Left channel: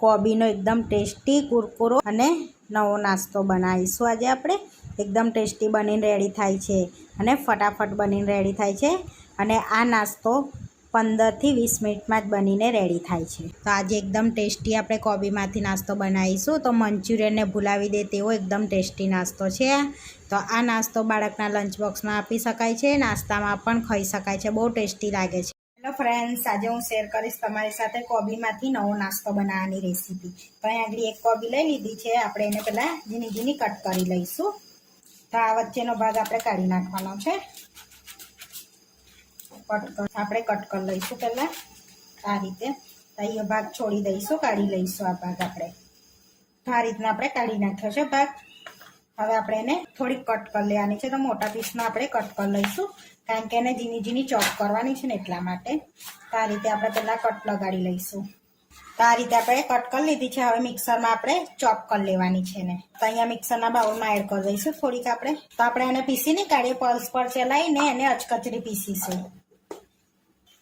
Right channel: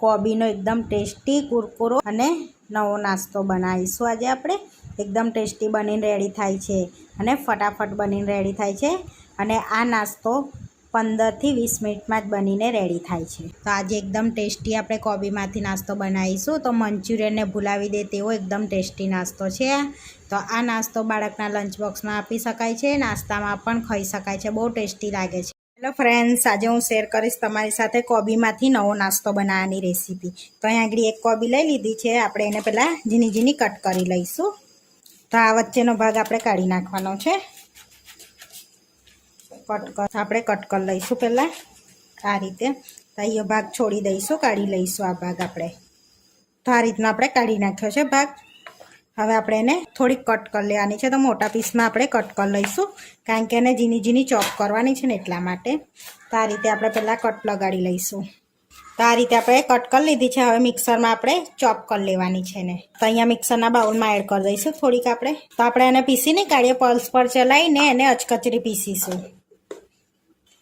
કોબીનો એકદમ ટેસ્ટી કુરકુરો અને નવો નાસ્તો બનાવીશું આજે આપણે। એકદમ ટેસ્ટી બનીને રેડી થાય છે અને ફટાફટ બનીને રેડી થાય છે અને આ નાસ્તો 15 થી 20 મિનિટમાં જ બનીને રેડી થાય છે। તો આજે એકદમ ટેસ્ટી આપણે કોબીમાંથી નાસ્તો બનાવીશું। તો મંચુરિયનને ભૂલાવી દે તેવો એકદમ ટેસ્ટી નાસ્તો છે। તો આ નાસ્તો બાળકના લંચ બોક્સમાં આપી શકાય છે, નાસ્તામાં પણ ખાઈ શકાય છે, બહુ ટેસ્ટી લાગે છે। હેલો ફ્રેન્ડ્સ, આજે હું શેર કરીશ તમારી સાથે કોબીમાંથી નવો નાસ્તો બનાવવાની રેસીપી। તો અહીં આગળ એક કોબી લઈ લીધી છે, આપણે એને પહેલાં ઝીણી ઝીણી કટ કરી લઈશું। તો આ વચ્ચેનો ભાગ આપણે કાઢી નાખવાનો છે। આપણે કટ કરી લઈશું પહેલાં આ રીતે। તો એ ભાગ છોડી દઈશું, કાઢી લઈશું આ ભાગ આપણે। તો આ રીતના આપણે કાઢી નાખ્યો છે ભાગ। હવે આપણે એને થોડીક કટ કરી લેવાની છે। તો મોટા પીસમાં આપણે કટ કરી લઈશું, કારણ કે એને ઝીણી ઝીણી ચોપ કરવાની છે ને એટલા માટે। તો આ રીતે આપણે પહેલાં કટ લગાડી લઈશું। તો આ રીતે આપણે કટ કરી લીધી છે। હવે મિક્સરમાં આપણે ચોપ કરી લેવાની છે ને। તો અહીંયા મિક્સરના બાઉલમાં એડ કરી દઈશું થોડીક આપણે। તો આપણે એને પીસી નહીં કાઢીએ, પલ્સ પર ચલાવીને એને અચકચરી પીસીશું।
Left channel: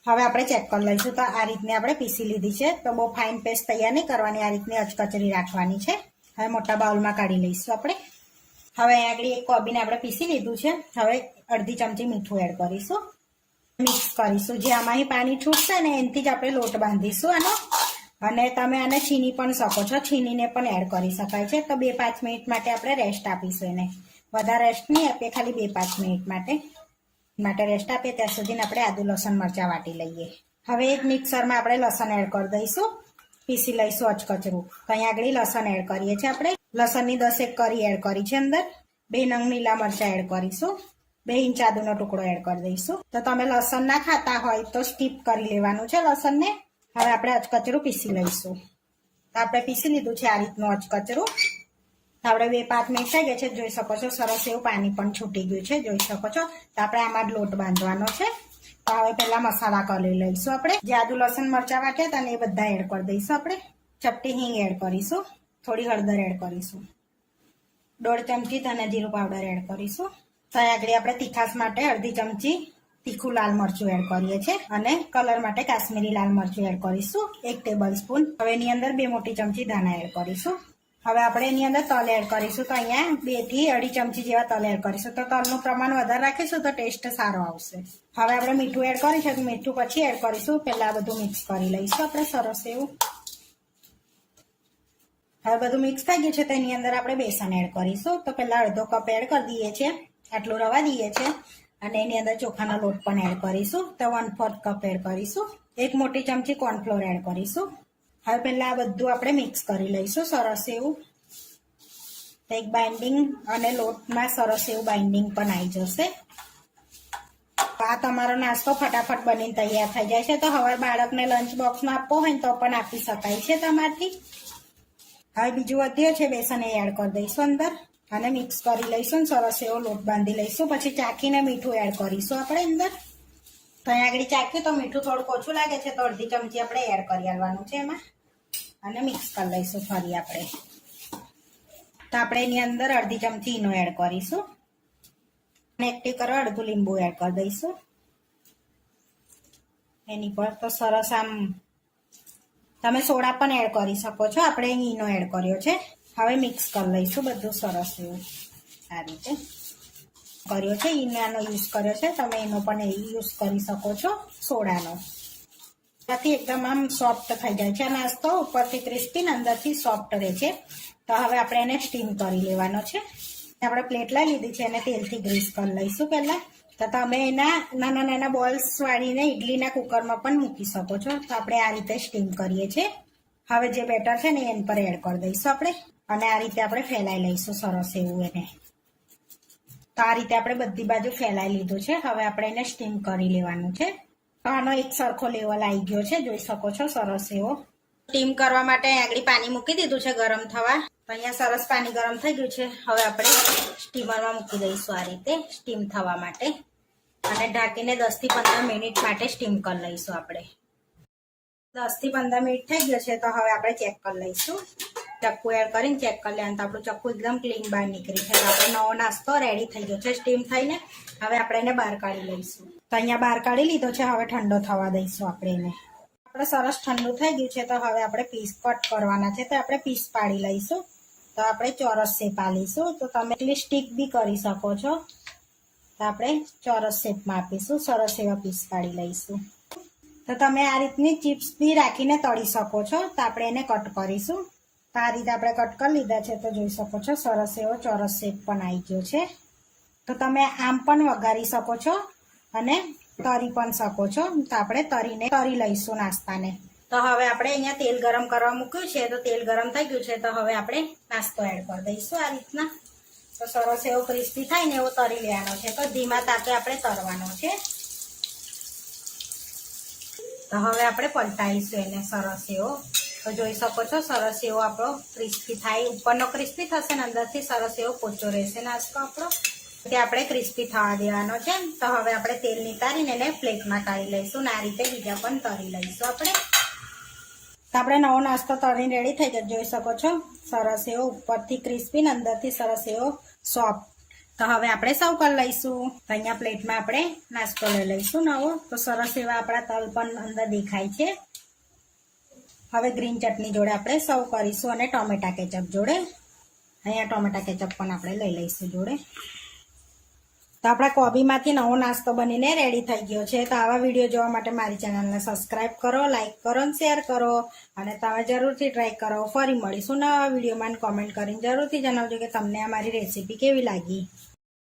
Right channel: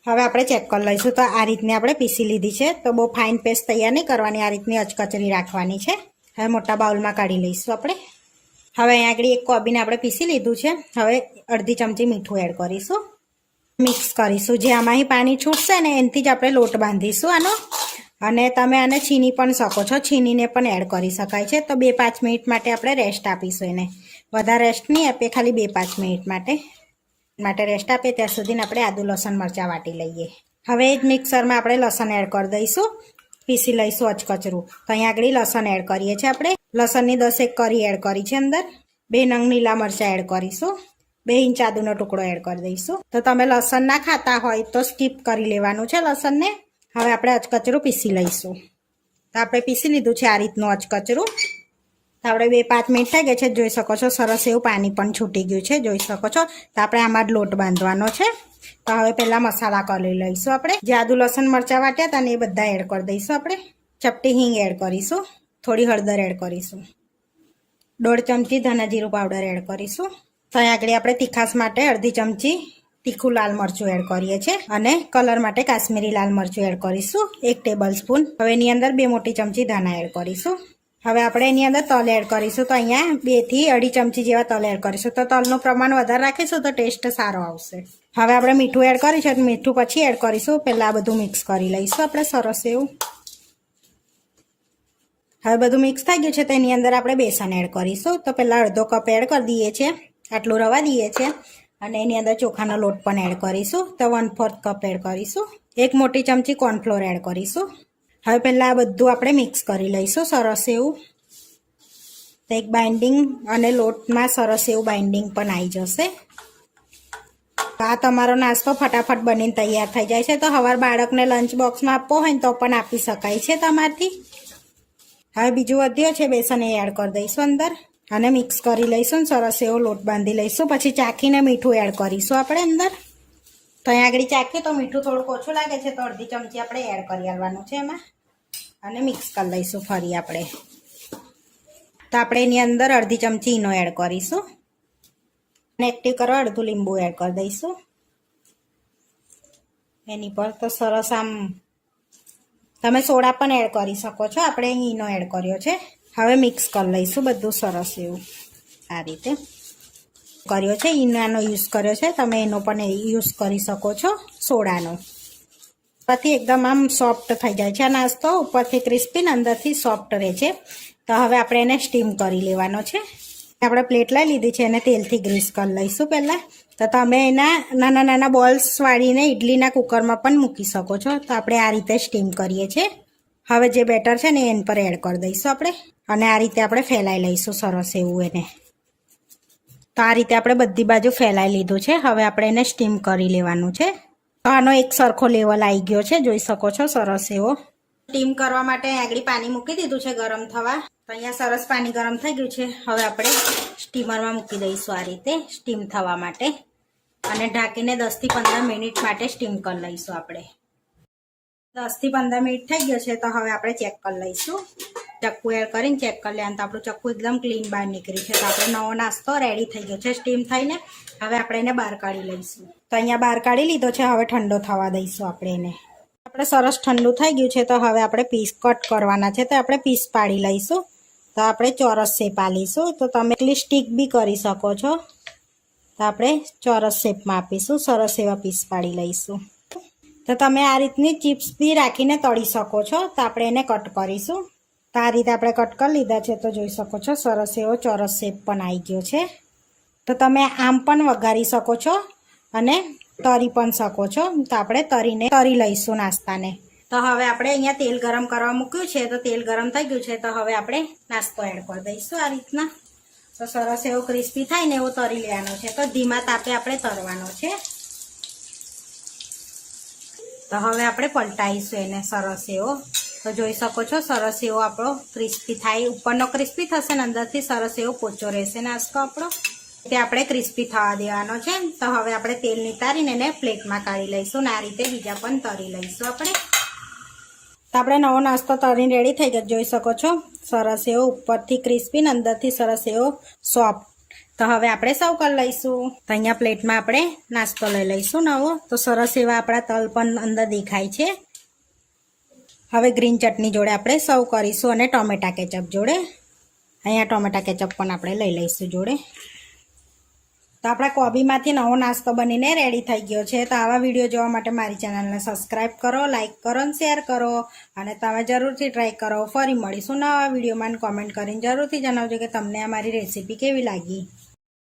હવે આપણે ચેક કરી લઈશું। તો આ રીતની આપણે પીસી લીધી છે। તો બહુ ફાઇન પેસ્ટ તૈયાર નહીં કરવાની, આ રીતની અચકચરી રાખવાની છે। હવે મોટા બાઉલમાં કાઢી લઈશું આપણે। હવે અહીંયા આગળ એક કોબીને આપણે પીસી લીધું છે। હવે અડધી ચમચી મીઠું એડ કરીશું, મિક્સ કરીશું। જે આમાંથી પાણી છૂટશે ને એનાથી જ આપણે લોટ બાંધીશું આનો। અને તમે આને છીની પણ શકો છો, છીનીને પણ એડ કરી શકાય છે। તો 2-5 મિનિટ માટે આપણે રેસ્ટ આપીશું એને, વધારે રેસ્ટ નહીં આપીએ, ખાલી 2-5 મિનિટ માટે રેસ્ટ આપીએ। ત્યાં સુધી આપણે આદુ લસણ મરચાં વાટી લઈએ। હવે એક મિક્સરમાં આપણે લસણ એડ કરી દઈશું, પીસી લઈશું અચકચરું। તો અહીંયા આગળ લસણ એડ કરીએ છીએ આપણે। લસણની 10 કરી એડ કરી છે અંદર। 2 નંગ લીલા મરચાં એડ કરીશું, 2 ઇંચ આદુનો ટુકડો એડ કરી દઈશું। તો તમે લસણ ના ખાતા હોય તો સ્કીપ કરી લેવાનું છે લસણને। હવે આપણે અચકચરું પીસી લઈશું। તો આપણે પીસી લીધું છે આ રીતનું અચકચરું। તો આપણે 2-5 મિનિટ થઈ ગઈ છે, જોઈ શકો છો સરસ એવું પાણી પણ છૂટી ગયું છે, જોઈ શકો છો। તો આપણે આમાં જ લોટ બાંધવાનો છે। તો હવે પહેલાં મસાલા કરી લઈશું આપણે। જે આદુ લસણ મરચાં વાટ્યા હતા ને એ બધા એડ કરી દઈશું આપણે। ચપટી હિંગ એડ કરીશું, થોડી હળદર એડ કરીશું, 1.5 ચમચી ધાણા જીરું પાવડર એડ કરીશું। તો આગળ આપણે તીખાશ માટે અડધી ચમચી તીખું લાલ મરચું એડ કરીએ છીએ અને કલર માટે કાશ્મીરી લાલ મરચું એડ કરીશું 1 ટેબલ સ્પૂન। હવે એની અંદર 2 મોટી ચમચી ધાણા એડ કરીશું। હવે આપણે એની અંદર તલ એડ કરીશું। તો અહીંયા 2 થી 2.5 ચમચી જેવા તલ એડ કરીશું। તો તલનું પ્રમાણ વધારે રાખીશું તો ટેસ્ટ સારો આવશે। હવે આપણે મીઠું એડ કરીશું, મીઠું પછી એડ કરીશું, પહેલાં આ બધું મિક્સ કરી લઈશું આપણે સરસ એવું। હવે બધું મિક્સ થઈ ગયું છે, તો એની અંદર આપણે બેસન એડ કરીશું। તો પહેલાં અડધો કપ એડ કરી દઈએ છીએ, આટલું રવા દઈએ છીએ અને એની અંદર ચોખાનો લોટ પણ એડ કરીશું। તો 1/4 કપ એડ કરીશું। 1 મોટી ચમચી કોર્નફ્લોર એડ કરીશું। હવે પહેલાં આ બધું આપણે મિક્સ કરી લઈશું સરસ એવું। તો એક બાઇન્ડિંગ અને લોટમાં સરસ એવું બાઇન્ડિંગ પણ આવી જશે। આ તમારો નાસ્તો ફટાફટ બનીને તૈયાર થઈ જાય છે। તો સવાર બાળકને લંચ બોક્સમાં આપવો હોય તો પણ આપી શકાય છે તમારથી। હવે બીજું વધ્યો છે બેસન, એ એડ કરી દઈશું અંદર અને મિક્સ કરી લઈશું, સરસ એવો લોટ બાંધી લઈશું। પછી ચાખીને મીઠું એડ કરીશું આપણે અંદર। તો અહીંયા આગળ ચાખ્યું તો મીઠું થોડુંક ઓછું લાગે છે, તો અડધી ચમચી આપણે એડ કરી આવવાનું છે એમાં અને મિક્સ કરી લઈશું ફરી આપણે। તો આપણે એની અંદર અડધી ચમચી ઈનો એડ કરીશું અને એક્ટિવ કરવા અડધું લીંબુ એડ કરી દઈશું એની પર। તો સરસ આમ તમે સોડા પણ એડ કરી શકો છો, આપણે અહીં ઈનો એડ કર્યો છે। હવે મિક્સ કરી લઈશું બધું સરસ એવું આ રીતે કર્યો છે। ઈનાનો યુઝ કર્યો છે, તમે એનો પણ યુઝ કરી શકો છો સોડાનો। ઉપરથી એકદમ આમ સોફ્ટ થઈ જાય છે આ નાસ્તો, ઉપરથી ક્રિસ્પી ને અંદરથી સોફ્ટ રહે છે। તો હવે આપણે એને સ્ટીમ કરી લેવાનો છે। આપણે પ્લેટ લઈ લીધી છે, એને તેલથી ગ્રીસ કરી લઈશું પહેલાં। તો તમે એના નાના નાના બોલ્સ વાળીને ઇડલીના કુકરમાં પણ મૂકી શકો છો। તો આપણે આ રીતે સ્ટીમ કરીએ છીએ। હવે જે બેટર છે ને એના પર એડ કરી દઈશું આપણે અને આ રીતે આપણે ફેલાઈ લઈશું સરસ એવું એને। તો આ રીતે આપણે બધી બાજુ ફેલાઈ લીધું છે। હવે આપણે એને સ્ટીમ કરી લેવાનું છે। તો આનો એક સરખો લેવલ આવી ગયો છે, જોઈ શકો છો સરસ એવો। સ્ટીમ કરવા માટે આગળ પાણી મૂકી દીધું છે ગરમ થવા। તો અહીંયા સરસ પાણી ગરમ થઈ ગયું છે। હવે આપણે સ્ટીમરમાં મૂકી દઈશું આ રીતે સ્ટીમ થવા માટે અને ઢાંકીને 10 થી 15 મિનિટ માટે સ્ટીમ કરી લઈશું આપણે। 10 થી 15 મિનિટ થઈ ગયો છે। તો હવે આપણે ચેક કરી લઈશું, ચક્કુ એડ કરીને ચેક કરી લેવાનું। તો આપણું ચક્કુ એકદમ ક્લીન બહાર નીકળી છે। તો આપણે નવો નાસ્તો રેડી થઈ ગયો છે સ્ટીમ થઈને। હવે આપણે એને બહાર કાઢી લઈશું। તો અહીંયા બહાર કાઢી લીધો છે, હવે ઠંડો થવા દઈશું આપણે એને। આપણે સરસ ઠંડુ થઈ ગયું છે તો હવે આપણે પીસ કટ કરવાના છે તો આપણે પીસ પાડી લઈશું. તો આપણે ચોરસ શેપ આલીશું. તો તમે એટલી સ્ટીક બી કરી શકો છો. તો આપણે ચોરસ શેપમાં આપીશું. સરસ એવા પીસ પાડી લઈશું. તો તમે આ રીતની ચિપ્સ બી રાખીને તળી શકો છો. તો આપણે એને કટ કરીશું. તો આ રીતે આપણે કટ કરી લીધા છે તો જોઈ શકો છો સરસ એવો ચોરસ શેપ પણ આવી ગયો છે. તો તમે આમ પણ વઘારી શકો છો અને તરી પણ શકો છો. તો આપણે તરી લઈશું નાસ્તાને. તો હવે આપણે અહીંયા તેલ ગરમ કરવા મૂક્યું છે તો તેલ ગરમ થઈ ગયું છે તો હવે આપણે નાસ્તો એડ કરી દઈશું આ રીતના. તો સરસ એવો ક્રિસ્પી થાય ને એવો તરી લેવાનો છે. તો ધીમા તાપે આપણે તરવાનો છે. તો હવે આપણે પલટાઈશું એને સરસ એવો. તો જોઈ શકો છો સરસ એવો આપણો ક્રિસ્પી થાય. ઉપરનો ક્રિસ્પી થશે ને અંદરથી સરસ એવો પોચો રહેશે નાસ્તો આપણો. તે આપણે ક્રિસ્પી થવા દેવાનો છે. તો હવે આપણે તેલ નિતારીને એને પ્લેટમાં કાઢી લઈશું ને આ રીતે બીજા પણ તરી લઈશું આપણે. તો આપણે નવો નાસ્તો તરીને રેડી થઈ ગયો જોઈ શકો છો. સરસ એવો ઉપરથી ક્રિસ્પી ને અંદરથી સરસ એવો સોફ્ટ. તો હવે આપણે સર્વ કરી લઈશું. તો અહીંયા પ્લેટમાં આપણે નાસ્તો લઈ લઈશું નવો. તો સરસ એવા આપણા તલ પણ અંદર દેખાય છે. હવે ગ્રીન ચટણી જોડે આપણે સર્વ કરીશું અને ટોમેટા કેચઅપ જોડે. અહીંયા ટોમેટા કેચઅપ પણ આપણે લઈ લઈશું જોડે. તો આપણા કોબીમાંથી નવો નાસ્તો બનીને રેડી થઈ ગયો છે. તો આવા વિડીયો જોવા માટે મારી ચેનલને સબસ્ક્રાઈબ કરો, લાઇક કરો અને શેર કરો અને તમે જરૂરથી ટ્રાય કરો. ફરી મળીશું નવા વિડીયોમાં. કોમેન્ટ કરીને જરૂરથી જણાવજો કે તમને અમારી રેસીપી કેવી લાગી.